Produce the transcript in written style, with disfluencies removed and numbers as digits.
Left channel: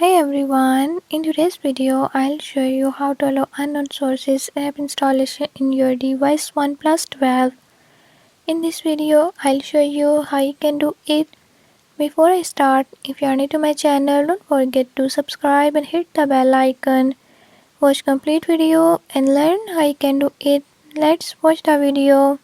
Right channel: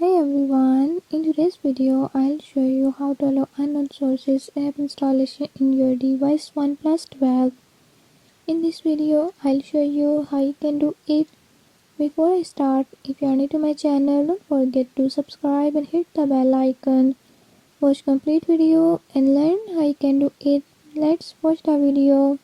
Hi everyone, in today's video I'll show you how to allow unknown sources app installation in your device Oneplus 12. In this video I'll show you how you can do it. Before I start, if you are new to my channel, don't forget to subscribe and hit the bell icon. Watch complete video and learn how you can do it. Let's watch the video.